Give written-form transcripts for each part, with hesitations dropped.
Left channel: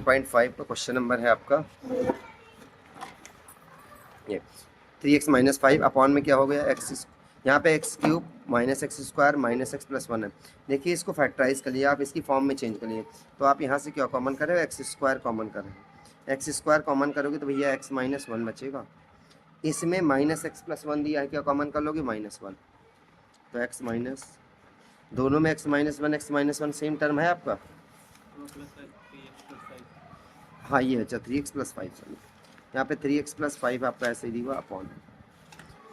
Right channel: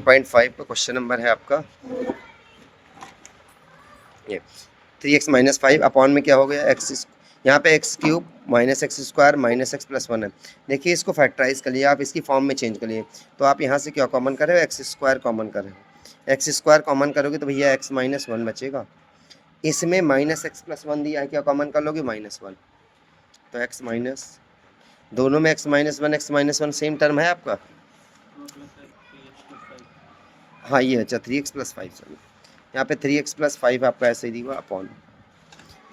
1.5 का question number है आपका ये 3x-5 अपॉन में क्या हो गया एक्स, यहाँ पे x cube minus x square minus x plus 1 है। देखिए इसको फैक्टराइज कर लिए आप, इसकी फॉर्म में चेंज कर लिए, तो आप यहाँ से क्या कॉमन करें, एक्स स्क्वायर कॉमन करें। एक्स स्क्वायर कॉमन करोगे तो भैया एक्स माइनस 1 बचेगा। इसमें माइनस एक्स प्लस 1 दिया है, क्या कॉमन कर लोगे, -1, तो एक्स माइनस, दोनों में x minus one same term है आपका। हाँ ये अच्छा 3x+5, चलो यहाँ पे 3x+5 आपका ऐसे ही दिया अपॉन,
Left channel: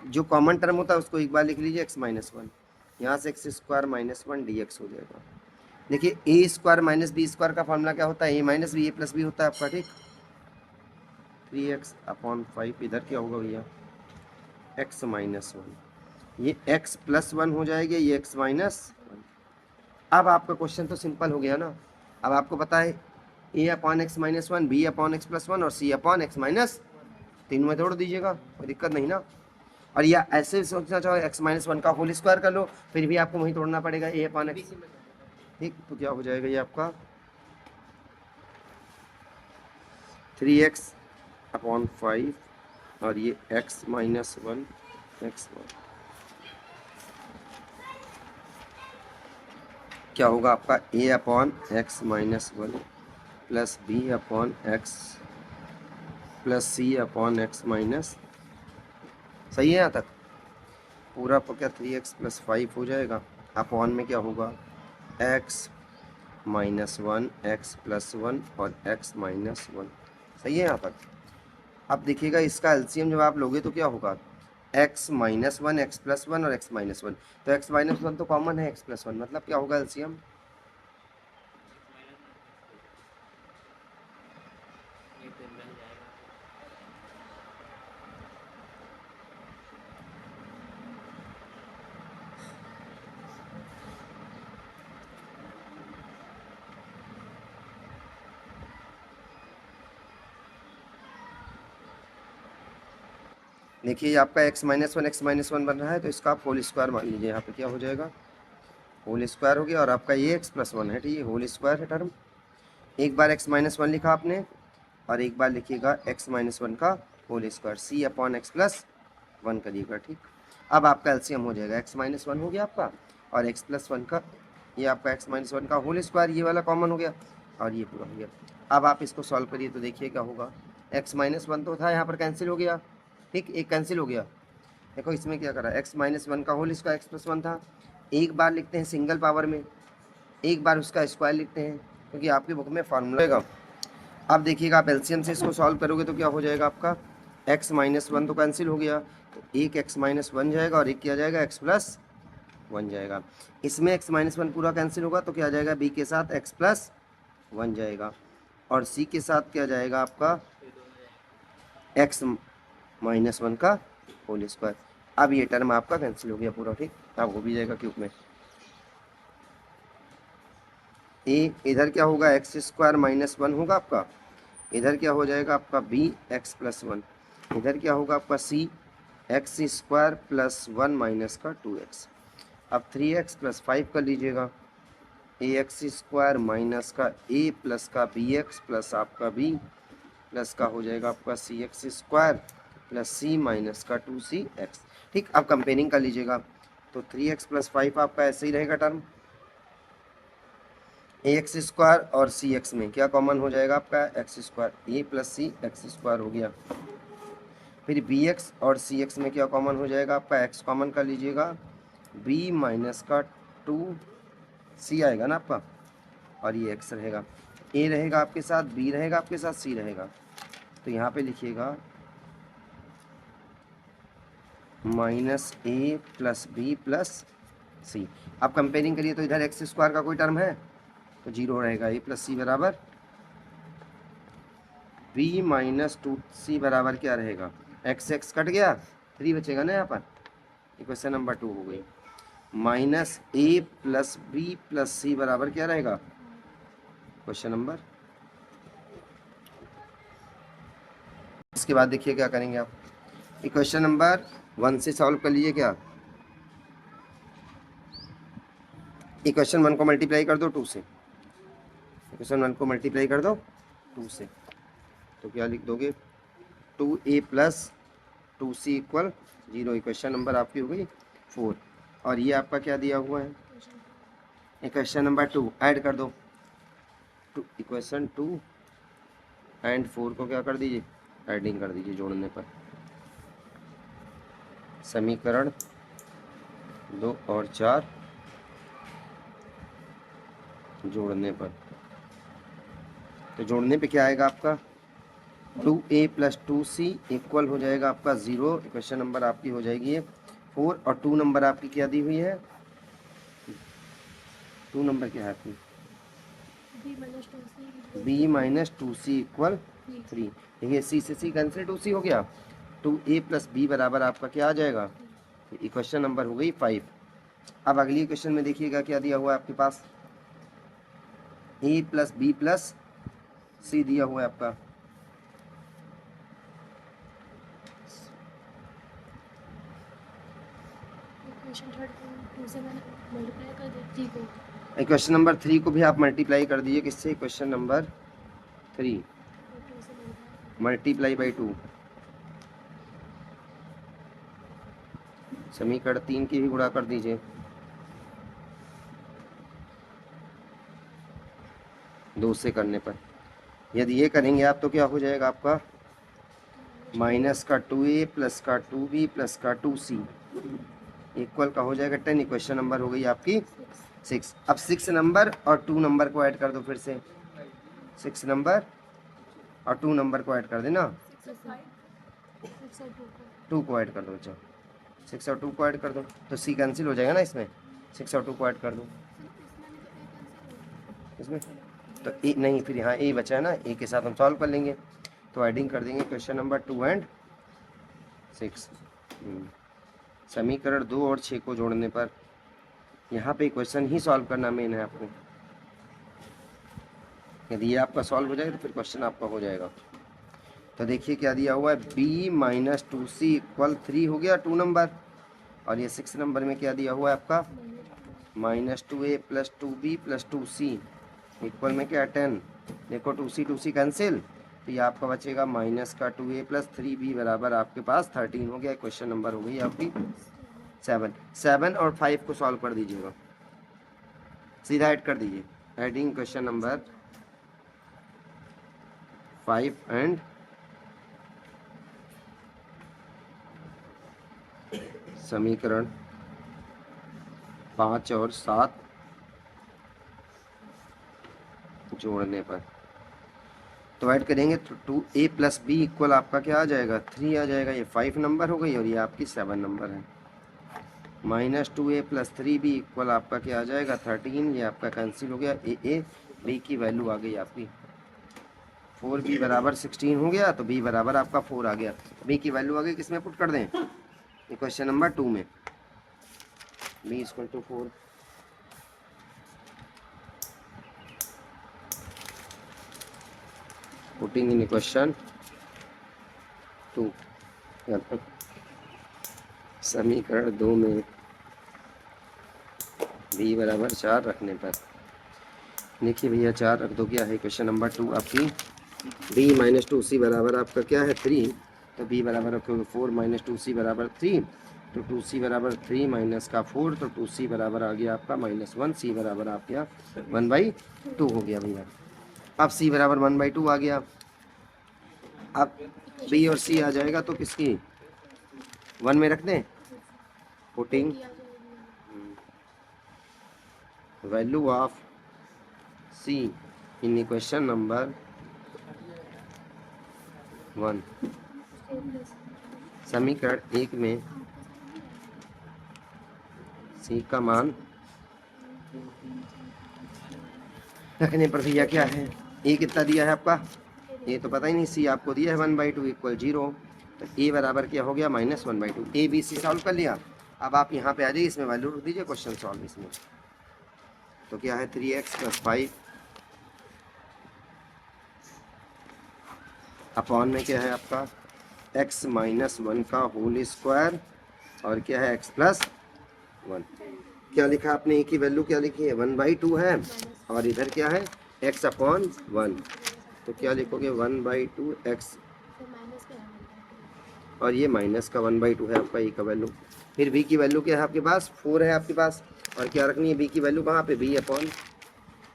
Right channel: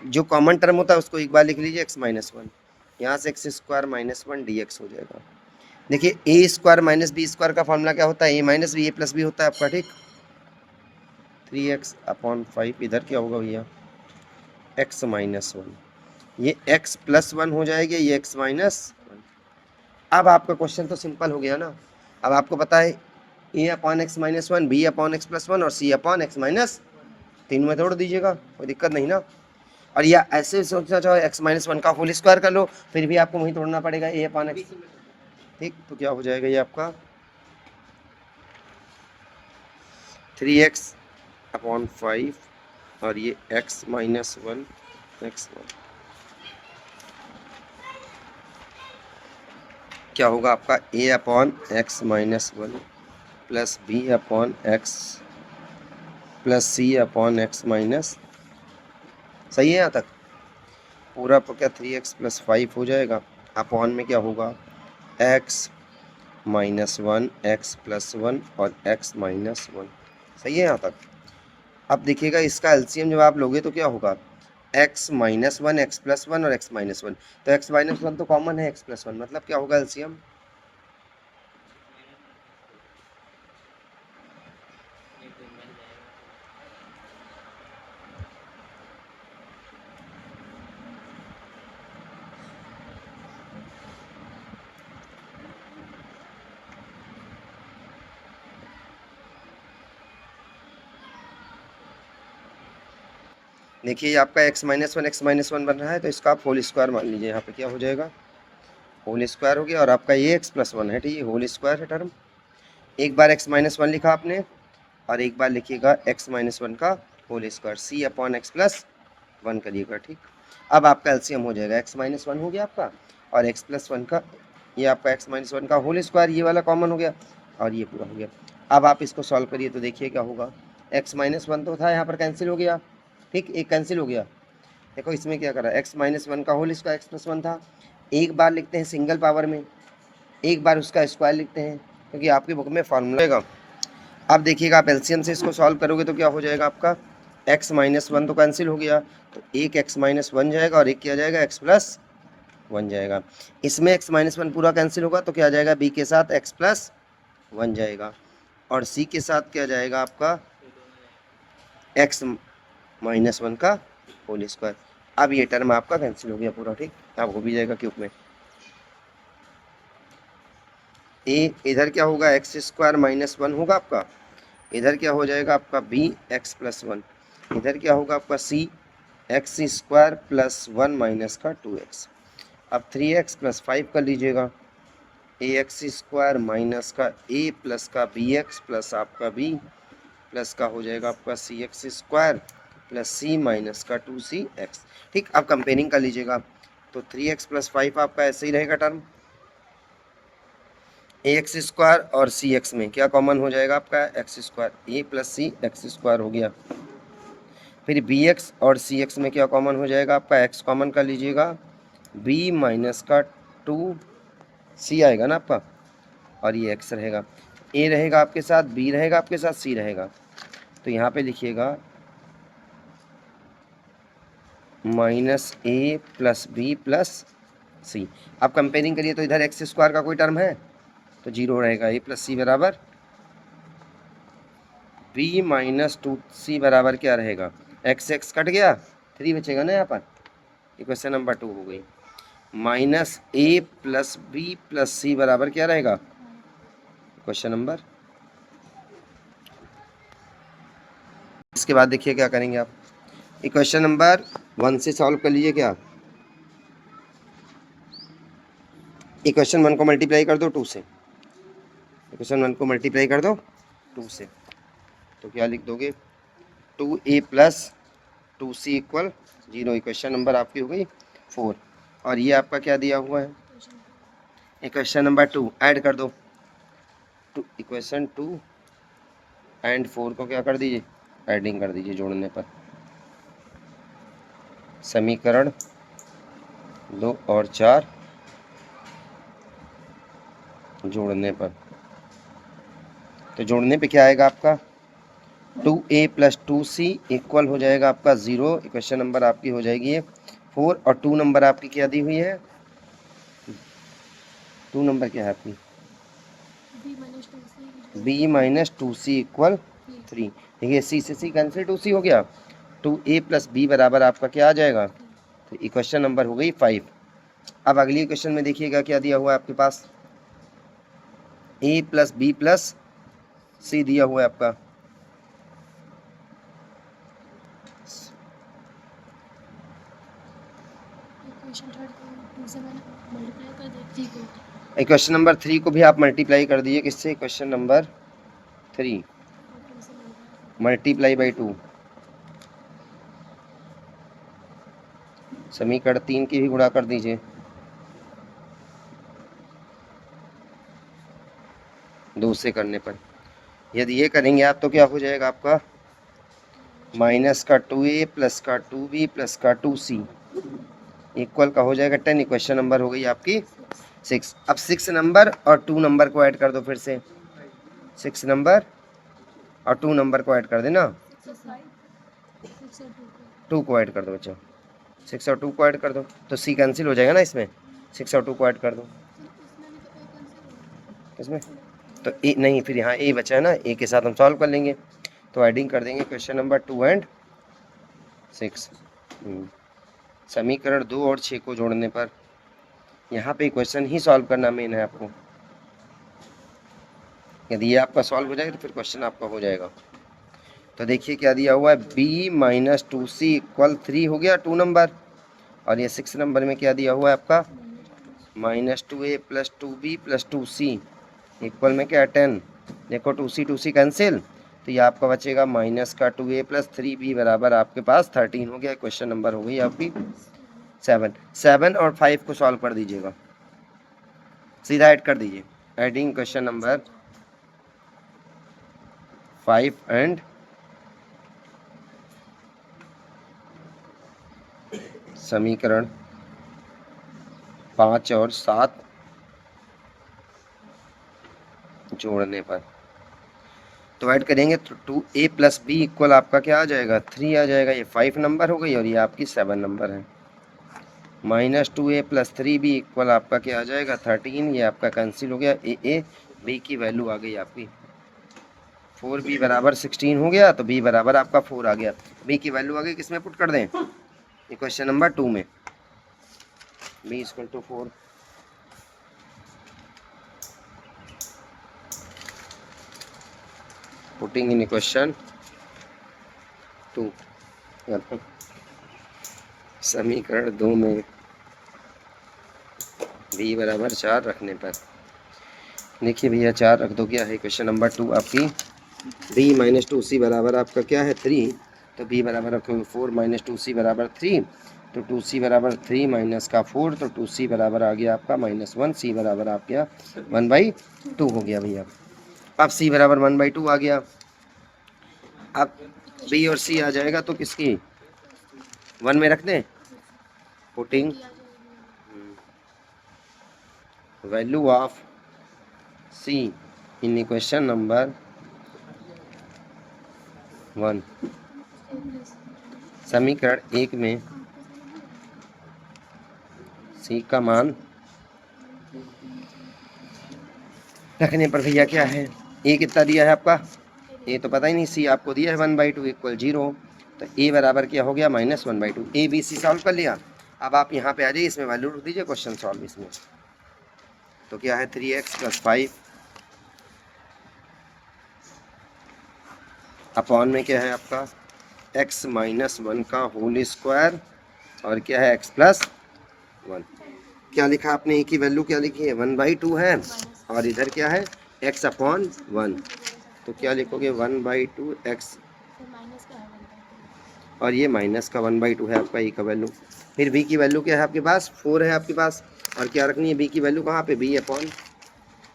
जो कॉमन टर्म होता है उसको एक बार लिख लीजिए x-1, यहाँ से x² - 1 dx हो जाएगा। देखिए a² - b² का फॉर्मूला क्या होता है, a minus B A plus B होता है आपका, ठीक। 3x/5 इधर क्या होगा भैया, x-1, ये x+1 हो जाएगी, ये x-1। अब आपका क्वेश्चन तो सिंपल हो गया ना। अब आपको पता है a/x-1, b/x+1 और c/x-, तीन में तोड़ दीजिएगा, कोई दिक्कत नहीं ना। और या ऐसे सोचना चाहो x-1 का होल स्क्वायर कर लो, फिर भी आपको वहीं तोड़ना पड़ेगा a/x, ठीक। तो क्या हो जाएगा ये आपका 3x/5 और ये x-1 x1 क्या होगा आपका a/x-1 plus b/x plus c/x-, सही है यहाँ तक पूरा तो क्या 3x+5 हो जाएगा, अपॉन में क्या होगा x-1 x+1 और x-1, सही है यहाँ तक। अब देखिएगा इसका एलसीएम जब आप लोगे तो क्या होगा x-1 x+1 और x-1, तो x-1 तो कॉमन है, x+1 मतलब क्या होगा एलसीएम, देखिए ये आपका x-1 बन रहा है, तो इसका आप होल स्क्वायर मान लीजिए, यहाँ पे क्या हो जाएगा होल स्क्वायर हो गया, और आपका ये x+1 है, ठीक है, होल स्क्वायर है टर्म। एक बार x-1 लिखा आपने और एक बार लिखिएगा x-1 का होल स्क्वायर, c/x+1 करिएगा, ठीक। अब आपका एलसीएम हो जाएगा x-1 हो गया आपका, और x+1 का, ये आपका x-1 का होल स्क्वायर, ये वाला कॉमन हो गया और ये पूरा हो गया। अब आप इसको सॉल्व करिए तो देखिए क्या होगा, x-1 तो था यहाँ पर कैंसिल हो गया, ठीक, एक कैंसिल हो गया। देखो इसमें क्या करा, x-1 का होल स्क्वायर x+1 था, एक बार लिखते हैं सिंगल पावर में, एक बार उसका स्क्वायर लिखते हैं, क्योंकि आपकी बुक में फार्मूला रहेगा। अब देखिएगा आप एलसीएम से इसको सॉल्व करोगे तो क्या हो जाएगा आपका x-1 तो कैंसिल हो गया, तो एक x-1 जाएगा और एक क्या जाएगा x+1 जाएगा। इसमें x-1 पूरा कैंसिल होगा तो क्या जाएगा, b के साथ x+1 जाएगा और c के साथ क्या जाएगा आपका x-1 का होल स्क्वायर। अब ये टर्म आपका कैंसिल हो गया पूरा, ठीक, अब हो भी जाएगा क्यूब में। ए इधर क्या होगा x² - 1 होगा आपका, इधर क्या हो जाएगा आपका bx+1, इधर क्या होगा आपका c x² + 1 - 2x। अब 3x+5 कर लीजिएगा, ax² माइनस का a प्लस का bx प्लस आपका b प्लस का हो जाएगा आपका cx² प्लस c माइनस का 2cx, ठीक। अब कंपेयरिंग कर लीजिएगा तो 3x+5 आपका ऐसे ही रहेगा टर्म, ax² और cx में क्या कॉमन हो जाएगा आपका x², a plus C x² हो गया। फिर bx और cx में क्या कॉमन हो जाएगा आपका, x कॉमन कर लीजिएगा, b माइनस का 2c आएगा ना आपका, और ये x रहेगा, a रहेगा आपके साथ, b रहेगा आपके साथ, c रहेगा, तो यहाँ पे लिखिएगा -a plus b plus c। अब कंपेयरिंग करिए तो इधर x² का कोई टर्म है तो 0 रहेगा, a प्लस सी बराबर b माइनस 2c बराबर क्या रहेगा, x कट गया, 3 बचेगा ना यहाँ पर, इक्वेशन नंबर 2 हो गई। -a plus b plus c बराबर क्या रहेगा, क्वेश्चन नंबर। इसके बाद देखिए क्या करेंगे आप, इक्वेशन नंबर 1 से सॉल्व कर लीजिए, क्या इक्वेशन 1 को मल्टीप्लाई कर दो 2 से, इक्वेशन 1 को मल्टीप्लाई कर दो 2 से, तो क्या लिख दोगे 2a plus 2c equal 0। Equation number आपकी हो गई 4। और ये आपका क्या दिया हुआ है, इक्वेशन नंबर 2 ऐड कर दो। इक्वेशन 2 एंड 4 को क्या कर दीजिए, एडिंग कर दीजिए जोड़ने पर। समीकरण 2 और 4 जोड़ने पर, तो जोड़ने पे क्या आएगा आपका 2a प्लस 2c इक्वल हो जाएगा आपका 0। इक्वेशन नंबर आपकी हो जाएगी ये 4। और 2 नंबर आपकी क्या दी हुई है, 2 नंबर क्या है आपकी b माइनस 2c इक्वल 3। देखिए c से c कैंसिल, 2c हो गया, 2a प्लस b बराबर आपका क्या आ जाएगा, तो इक्वेशन नंबर हो गई 5। अब अगली इक्वेशन में देखिएगा क्या दिया हुआ है आपके पास, a plus b plus c दिया हुआ है आपका। इक्वेशन नंबर 3 को भी आप मल्टीप्लाई कर दीजिए किससे, इक्वेशन नंबर 3 मल्टीप्लाई बाई 2, समीकरण 3 की भी गुणा कर दीजिए 2 से करने पर। यदि ये करेंगे आप तो क्या हो जाएगा आपका माइनस का 2a प्लस का 2b प्लस का 2c इक्वल का हो जाएगा 10। इक्वेशन नंबर हो गई आपकी 6। अब 6 नंबर और 2 नंबर को ऐड कर दो फिर से, 6 नंबर और 2 नंबर को ऐड कर देना, 2 को ऐड कर दो बच्चों, 6 और 2 को ऐड कर दो तो c कैंसिल हो जाएगा ना इसमें, 6 और 2 को ऐड कर दो इसमें, तो ए नहीं, फिर यहाँ ए बचा है ना, ए के साथ हम सॉल्व कर लेंगे, तो एडिंग कर देंगे क्वेश्चन नंबर 2 एंड 6। समीकरण 2 और 6 को जोड़ने पर, यहाँ पे क्वेश्चन ही सॉल्व करना मेन है आपको। यदि ये आपका सॉल्व हो जाएगा तो फिर क्वेश्चन आपका हो जाएगा। तो देखिए क्या दिया हुआ है, b माइनस 2c इक्वल 3 हो गया 2 नंबर, और ये 6 नंबर में क्या दिया हुआ है आपका minus 2a plus 2b plus 2c equal में क्या 10। देखो 2c कैंसिल, तो ये आपका बचेगा माइनस का 2a प्लस 3b बराबर आपके पास 13 हो गया। क्वेश्चन नंबर हो गई आपकी 7 और 5 को सॉल्व कर दीजिएगा, सीधा ऐड कर दीजिए। एडिंग क्वेश्चन नंबर 5 एंड समीकरण 5 और 7 जोड़ने पर, तो ऐड करेंगे तो 2a प्लस बी इक्वल आपका क्या आ जाएगा 3 आ जाएगा। ये 5 नंबर हो गई और ये आपकी 7 नंबर है। Minus 2a plus 3b equal आपका क्या आ जाएगा 13। ये आपका कैंसिल हो गया, a b की वैल्यू आ गई आपकी 4b बराबर 16 हो गया, तो b बराबर आपका 4 आ गया। b की वैल्यू आ गई, किसमें पुट कर दें, इक्वेशन नंबर 2 में, b equal to 4। Putting in equation 2, समीकरण 2 में b बराबर 4 रखने पर, देखिए भैया 4 रख दो, क्या है क्वेश्चन नंबर 2 आपकी b माइनस 2c बराबर आपका क्या है 3, तो b बराबर रखोगे 4 माइनस 2c बराबर 3, तो 2c बराबर 3 माइनस का 4, तो 2c बराबर आ गया आपका -1, c बराबर आप गया 1/2 हो गया भैया। अब c बराबर 1/2 आ गया, अब b और c आ जाएगा तो किसकी 1 में रख दें, putting value of c in equation number 1, समीकरण 1 में c का मान रखने पर भैया क्या है, a कितना दिया है आपका, a तो पता ही नहीं, c आपको दिया है 1/2 इक्वल 0, तो a बराबर क्या हो गया -1/2। a b c सॉल्व कर लिया। अब आप यहाँ पे आ जाइए, इसमें वैल्यू रख दीजिए, क्वेश्चन सॉल्व इसमें, तो क्या है 3x + 5 अपॉन में क्या है आपका x - 1 का होल स्क्वायर, और क्या है x + 1। क्या लिखा आपने, a की वैल्यू क्या लिखी है 1/2 है, और इधर क्या है x/1। तो क्या लिखोगे 1/2 एक्स, माइनस का है 1/2। और ये माइनस का 1/2 है आपका ई का वैल्यू। फिर बी की वैल्यू क्या है आपके पास, 4 है आपके पास, और क्या रखनी है बी की वैल्यू कहाँ पे, बी अपॉन,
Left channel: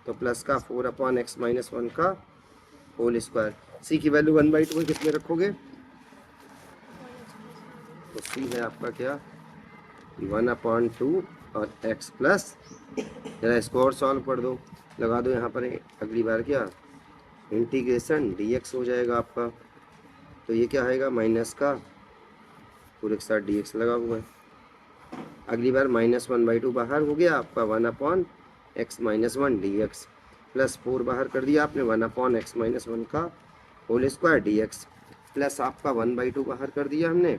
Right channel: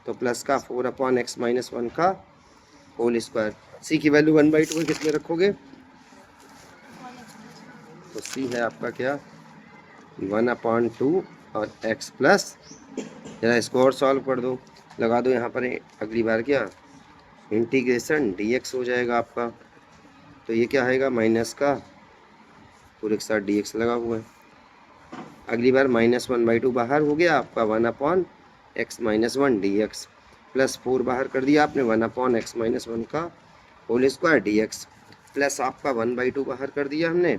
तो प्लस का 4/(x-1) का होल स्क्वायर। सी की वैल्यू 1/2 में कितने रखोगे, तो सी है आपका क्या 1/2 और x प्लस, जरा इसको और सॉल्व कर दो, लगा दो यहाँ पर अगली बार क्या इंटीग्रेशन dx हो जाएगा आपका। तो ये क्या आएगा माइनस का पूरे के साथ dx लगा हुआ है। अगली बार -1/2 बाहर हो गया आपका 1/(x-1) dx, प्लस 4 बाहर कर दिया आपने 1/(x-1) का होल स्क्वायर dx, प्लस आपका 1/2 बाहर कर दिया हमने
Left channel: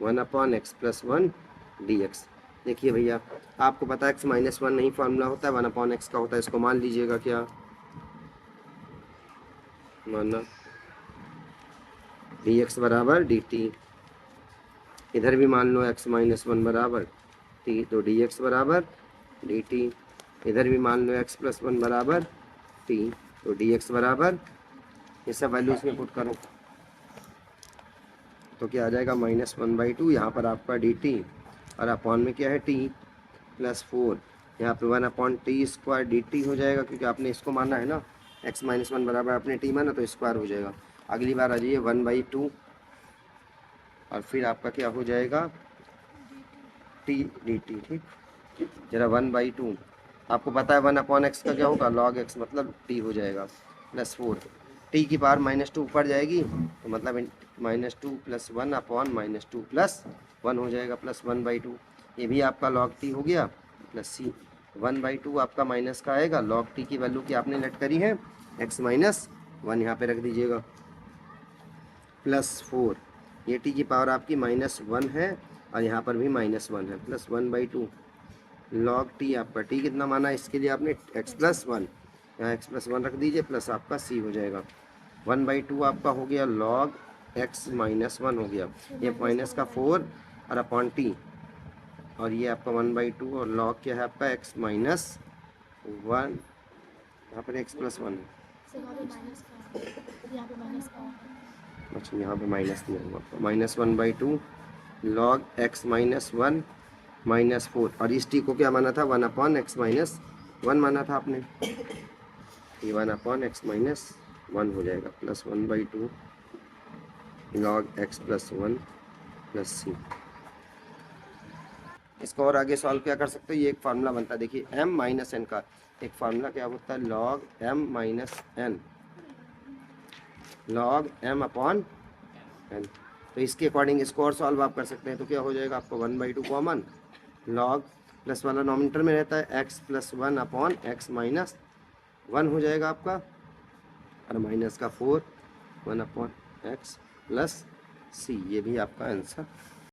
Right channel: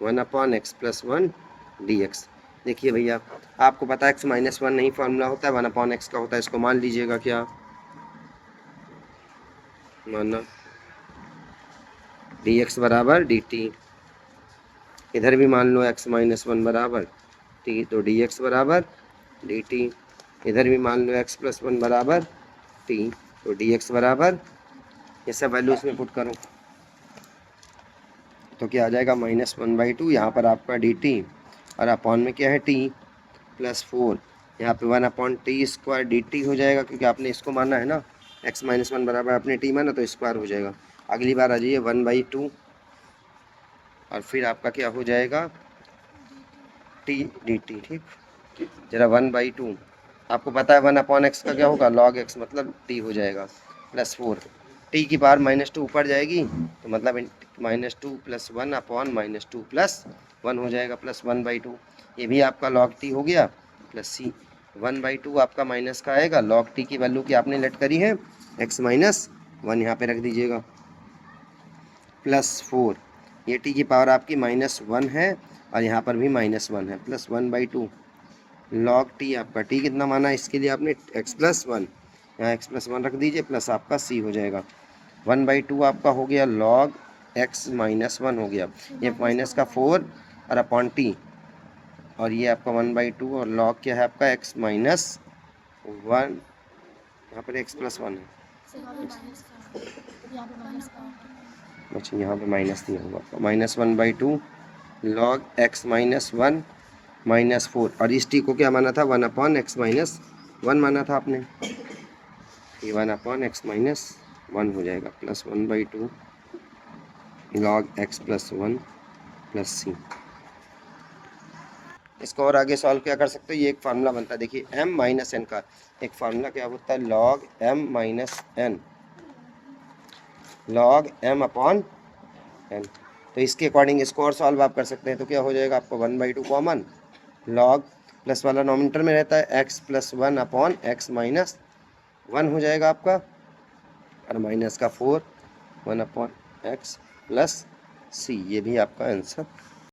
1/(x+1) dx। देखिए भैया आपको पता है x-1 नहीं फार्मूला होता है, 1/x का होता है, इसको मान लीजिएगा क्या, माना dx बराबर dt, इधर भी मान लो x-1 बराबर t, तो dx बराबर dt, इधर भी मान लो x+1 बराबर t, तो dx बराबर, ये सब वैल्यू इसमें पुट करो तो क्या आ जाएगा -1/2, यहाँ पर आपका dt, और अपॉन में क्या है t प्लस 4, यहाँ पे 1/t² dt हो जाएगा, क्योंकि आपने इसको माना है ना, x-1 बराबर आपने t माना तो स्क्वायर हो जाएगा। अगली बार आ जाइए 1/2, और फिर आपका क्या हो जाएगा t dt, ठीक। जरा 1/2 आपको पता है 1/x का क्या होगा log x, मतलब t हो जाएगा प्लस 4, t की पावर -2 ऊपर जाएगी, तो मतलब -2 + 1/-2 + 1 हो जाएगा, प्लस 1/2, ये भी आपका log t हो गया, प्लस c 1/2 आपका माइनस का आएगा, log t की वैल्यू की आपने लेट करी है x-1, यहाँ पे रख दीजिएगा, प्लस 4, ये t की पावर आपकी -1 है, और यहाँ पर भी -1 है, प्लस 1/2 log t, आपका t कितना माना इसके लिए आपने x+1, यहाँ x+1 रख दीजिए, प्लस आपका c हो जाएगा 1/2 आपका हो गया log x-1 हो गया, ये माइनस का 4 और अपॉन t, और ये आपका 1/2 और log क्या है आपका x-1, यहाँ पर x+1 है, अच्छा यहाँ पे माइनस नहीं होगा, -1/2 log x-1 -4, और इस t को क्या माना था 1/x-1 माना था आपने, ये 1/x-1 हो जाएगा, plus 1/2 log x+1 plus c। इसको और आगे सॉल्व क्या कर सकते हो, ये एक फार्मूला बनता है, देखिए m-n का एक फार्मूला क्या होता है log m-n, log m/n, तो इसके अकॉर्डिंग इसको और सॉल्व आप कर सकते हैं, तो क्या हो जाएगा आपको 1/2 कॉमन, log प्लस वाला नॉमिनेटर में रहता है x+1/(x-1) हो जाएगा आपका, और माइनस का 4 1/x प्लस c, ये भी आपका आंसर